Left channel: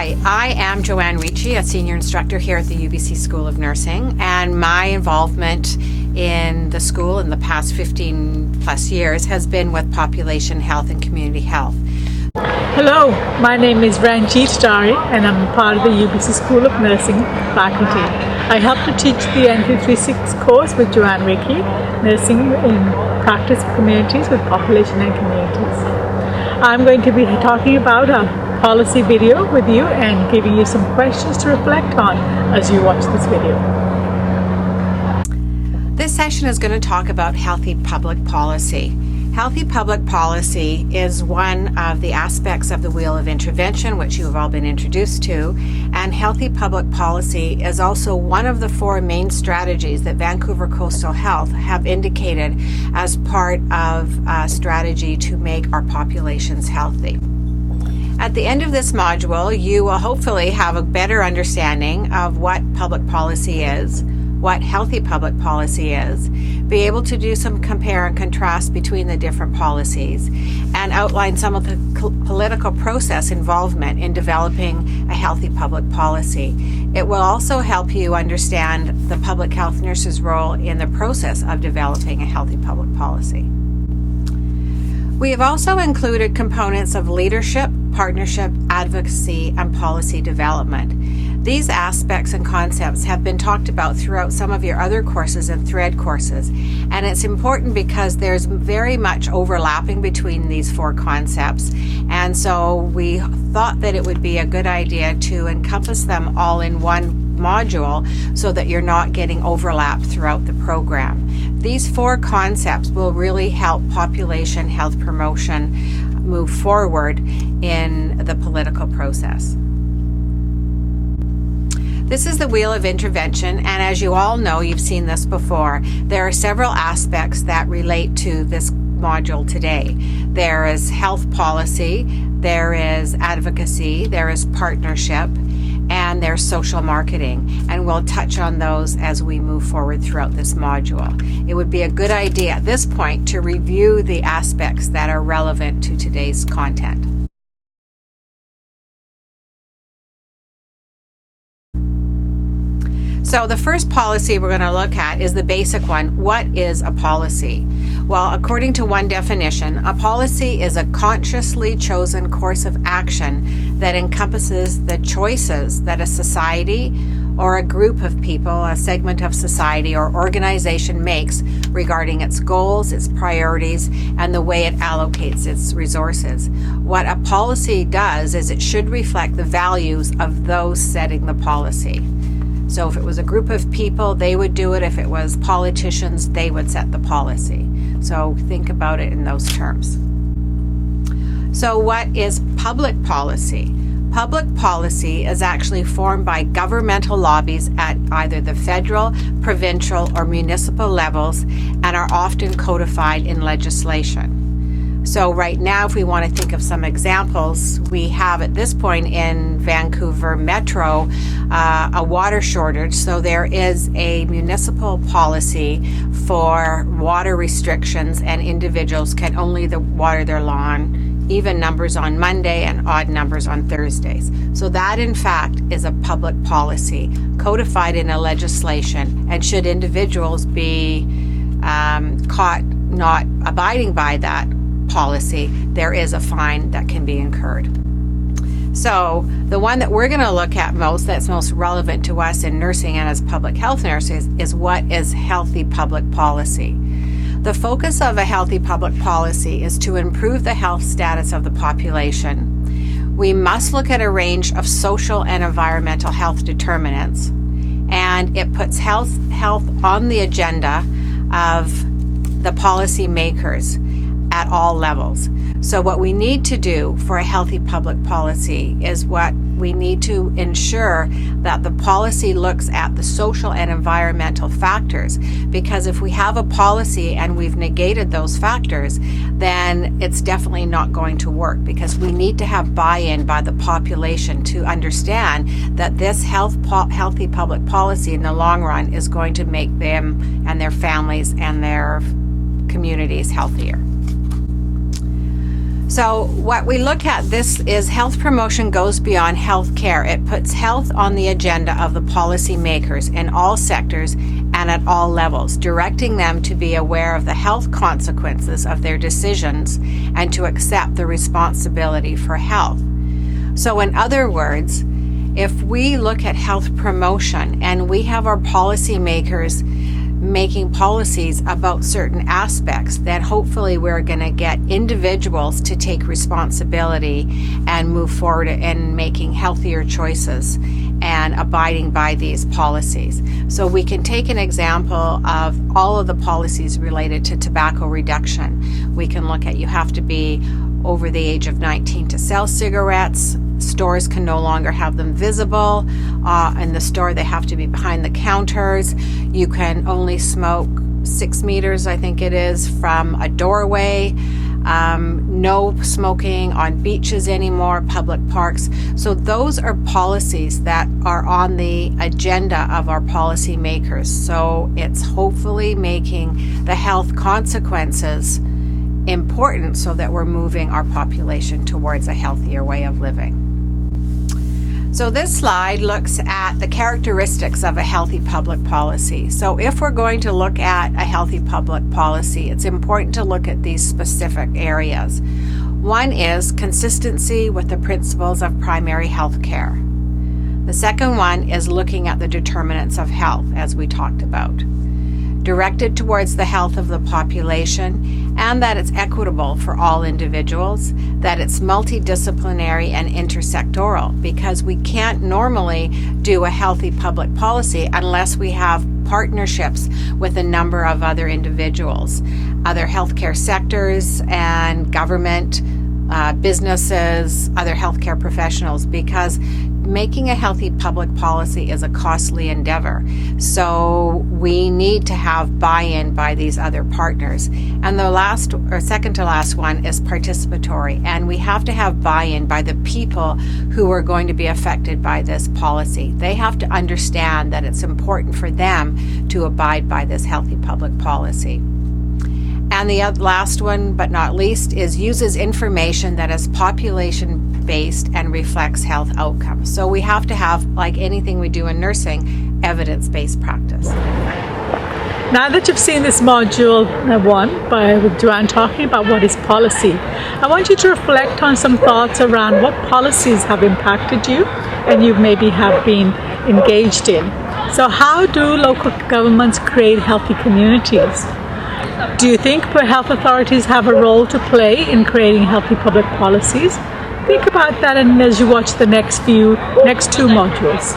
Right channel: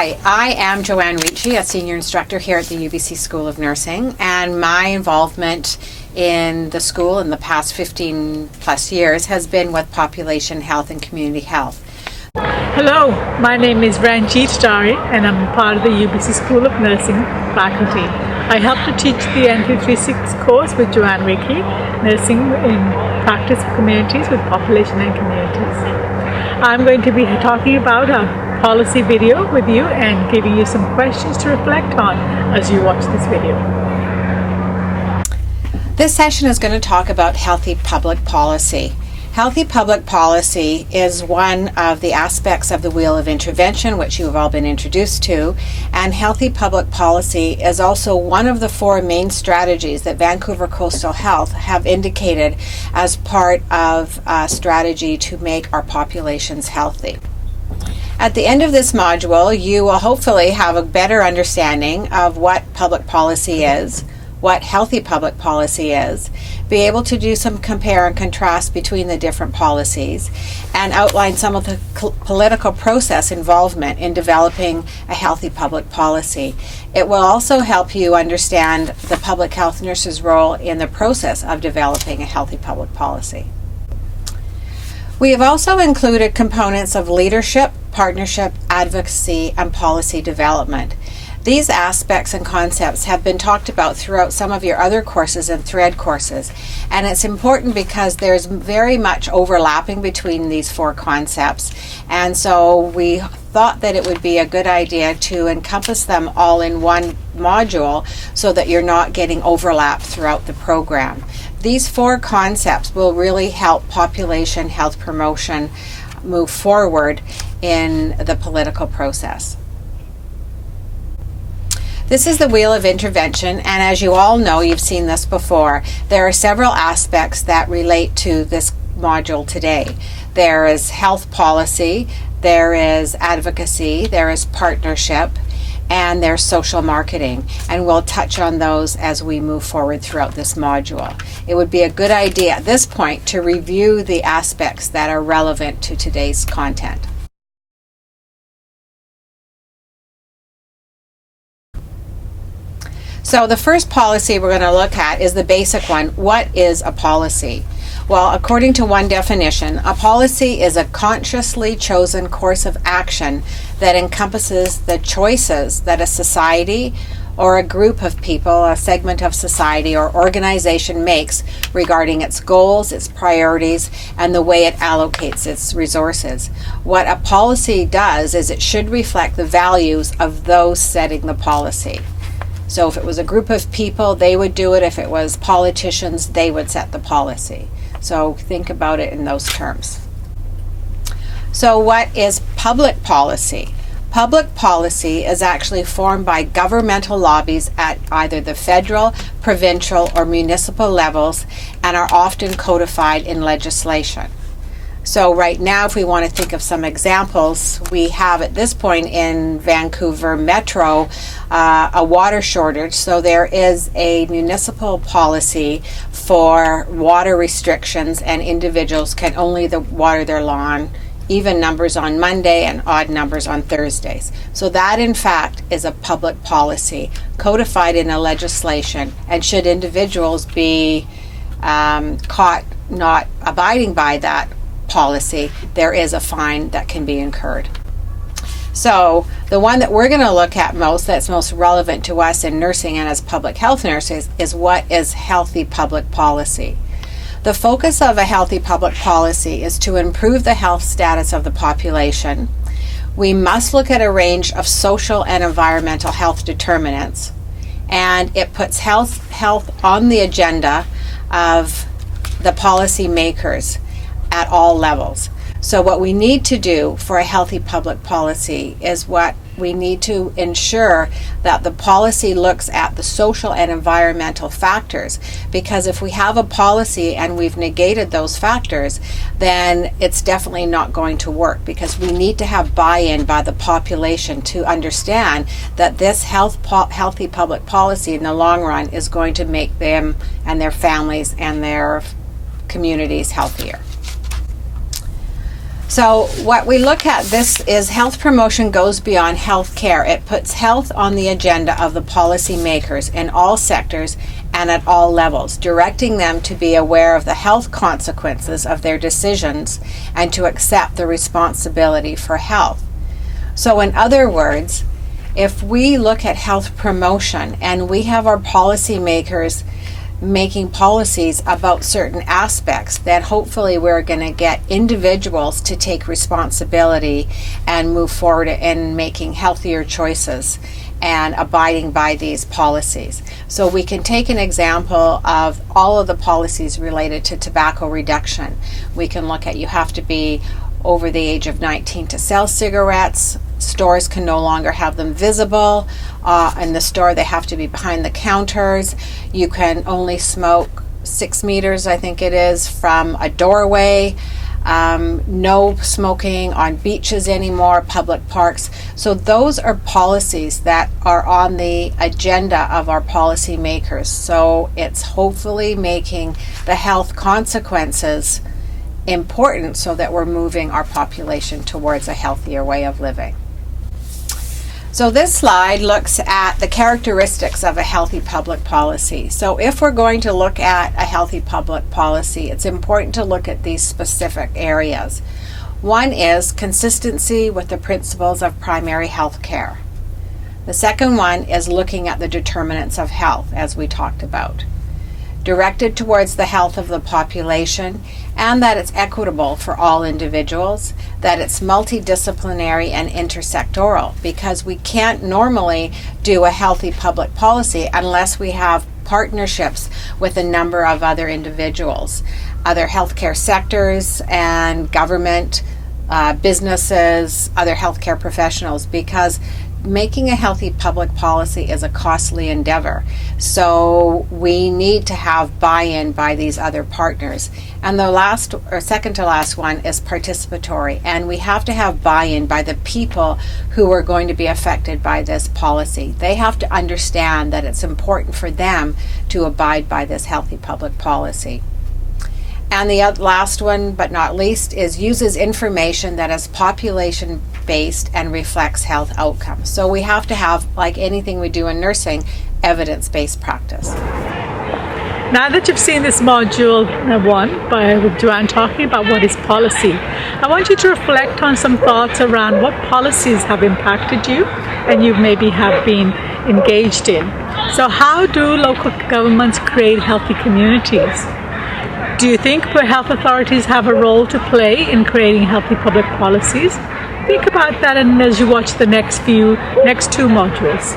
Hi, I am Joanne Ricci, a senior instructor here at the UBC School of Nursing, and my involvement in the school in the past 15 plus years has been with population health and community health. Hello, my name is Ranjit, Dhari, and I'm part of the UBC School of Nursing faculty. I help to teach the N236 course with Joanne Ricci, Nursing in Practice of Communities with Population and Communities. I'm going to be talking about a policy video with you and giving you some questions to reflect on as you watch this video. This session is going to talk about healthy public policy. Healthy public policy is one of the aspects of the wheel of intervention, which you have all been introduced to, and healthy public policy is also one of the four main strategies that Vancouver Coastal Health have indicated as part of a strategy to make our populations healthy. At the end of this module, you will hopefully have a better understanding of what public policy is, what healthy public policy is, be able to do some compare and contrast between the different policies, and outline some of the political process involvement in developing a healthy public policy. It will also help you understand the public health nurse's role in the process of developing a healthy public policy. We have also included components of leadership, partnership, advocacy, and policy development. These aspects and concepts have been talked about throughout some of your other courses and thread courses, and it's important because there's very much overlapping between these four concepts, and so we thought that it would be a good idea to encompass them all in one module so that you're not getting overlap throughout the program. These four concepts will really help population health promotion move forward in the political process. This is the wheel of intervention, and as you all know, you've seen this before, there are several aspects that relate to this module today. There is health policy, there is advocacy, there is partnership, and there's social marketing, and we'll touch on those as we move forward throughout this module. It would be a good idea at this point to review the aspects that are relevant to today's content. So the first policy we're going to look at is the basic one. What is a policy? Well, according to one definition, a policy is a consciously chosen course of action that encompasses the choices that a society or a group of people, a segment of society or organization makes regarding its goals, its priorities, and the way it allocates its resources. What a policy does is it should reflect the values of those setting the policy. So if it was a group of people, they would do it. If it was politicians, they would set the policy. So think about it in those terms. So what is public policy? Public policy is actually formed by governmental lobbies at either the federal, provincial, or municipal levels and are often codified in legislation. So right now, if we want to think of some examples, we have at this point in Vancouver Metro a water shortage. So there is a municipal policy for water restrictions, and individuals can only water their lawn even numbers on Monday and odd numbers on Thursdays. So that in fact is a public policy codified in a legislation, and should individuals be caught not abiding by that policy, there is a fine that can be incurred. So the one that we're going to look at that's most relevant to us in nursing and as public health nurses is what is healthy public policy. The focus of a healthy public policy is to improve the health status of the population. We must look at a range of social and environmental health determinants, and it puts health on the agenda of the policy makers at all levels. So what we need to do for a healthy public policy is we need to ensure that the policy looks at the social and environmental factors, because if we have a policy and we've negated those factors, then it's definitely not going to work, because we need to have buy-in by the population to understand that this healthy public policy in the long run is going to make them and their families and their communities healthier. So what we look at, this is health promotion goes beyond health care. It puts health on the agenda of the policymakers in all sectors and at all levels, directing them to be aware of the health consequences of their decisions and to accept the responsibility for health. So in other words, if we look at health promotion and we have our policymakers making policies about certain aspects, then hopefully we're going to get individuals to take responsibility and move forward in making healthier choices and abiding by these policies. So we can take an example of all of the policies related to tobacco reduction. We can look at, you have to be over the age of 19 to sell cigarettes. Stores can no longer have them visible. In the store, they have to be behind the counters. You can only smoke 6 meters, I think it is, from a doorway. No smoking on beaches anymore, public parks. So those are policies that are on the agenda of our policymakers. So it's hopefully making the health consequences important so that we're moving our population towards a healthier way of living. So this slide looks at the characteristics of a healthy public policy. So if we're going to look at a healthy public policy, it's important to look at these specific areas. One is consistency with the principles of primary health care. The second one is looking at the determinants of health, as we talked about. Directed towards the health of the population, and that it's equitable for all individuals, that it's multidisciplinary and intersectoral, because we can't normally do a healthy public policy unless we have partnerships with a number of other individuals, other healthcare sectors and government, businesses, other healthcare professionals, because making a healthy public policy is a costly endeavor. So we need to have buy-in by these other partners. And the last or second to last one is participatory. And we have to have buy-in by the people who are going to be affected by this policy. They have to understand that it's important for them to abide by this healthy public policy. And the last one, but not least, is uses information that is population-based and reflects health outcomes. So we have to have, like anything we do in nursing, evidence-based practice. Now that you've seen this module 1 with Joanne talking about what is policy, I want you to reflect on some thoughts around what policies have impacted you and you maybe have been engaged in. So how do local governments create healthy communities? Do you think health authorities have a role to play in creating healthy public policies? Think about that, and as you watch the next two modules.